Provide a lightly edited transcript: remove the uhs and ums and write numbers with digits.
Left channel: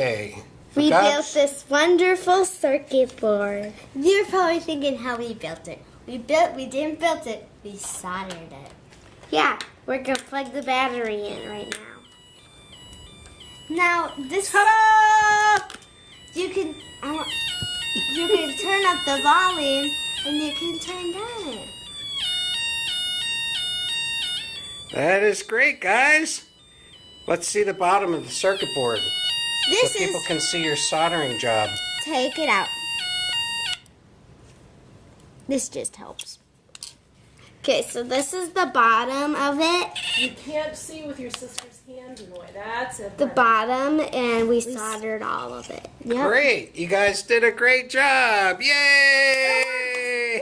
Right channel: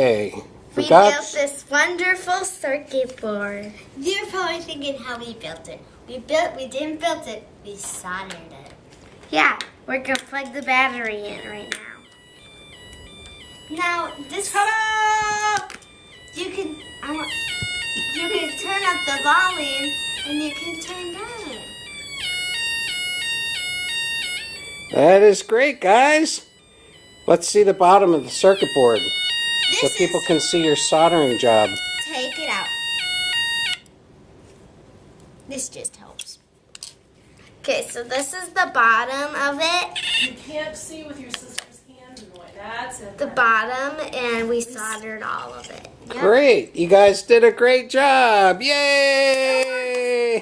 Okay. We built this wonderful circuit board. You're probably thinking how we built it. We didn't build it, we soldered it. Yeah, we're gonna plug the battery in right now. Now this you can turn up the volume and you can turn down. That is great, guys. Let's see the bottom of the circuit board so people can see your soldering job. Take it out. This just helps. Okay, so this is the bottom of it. You can't see with your sister's hand, boy. That's it. The bottom, and we soldered all of it. Great. You guys did a great job. Yay!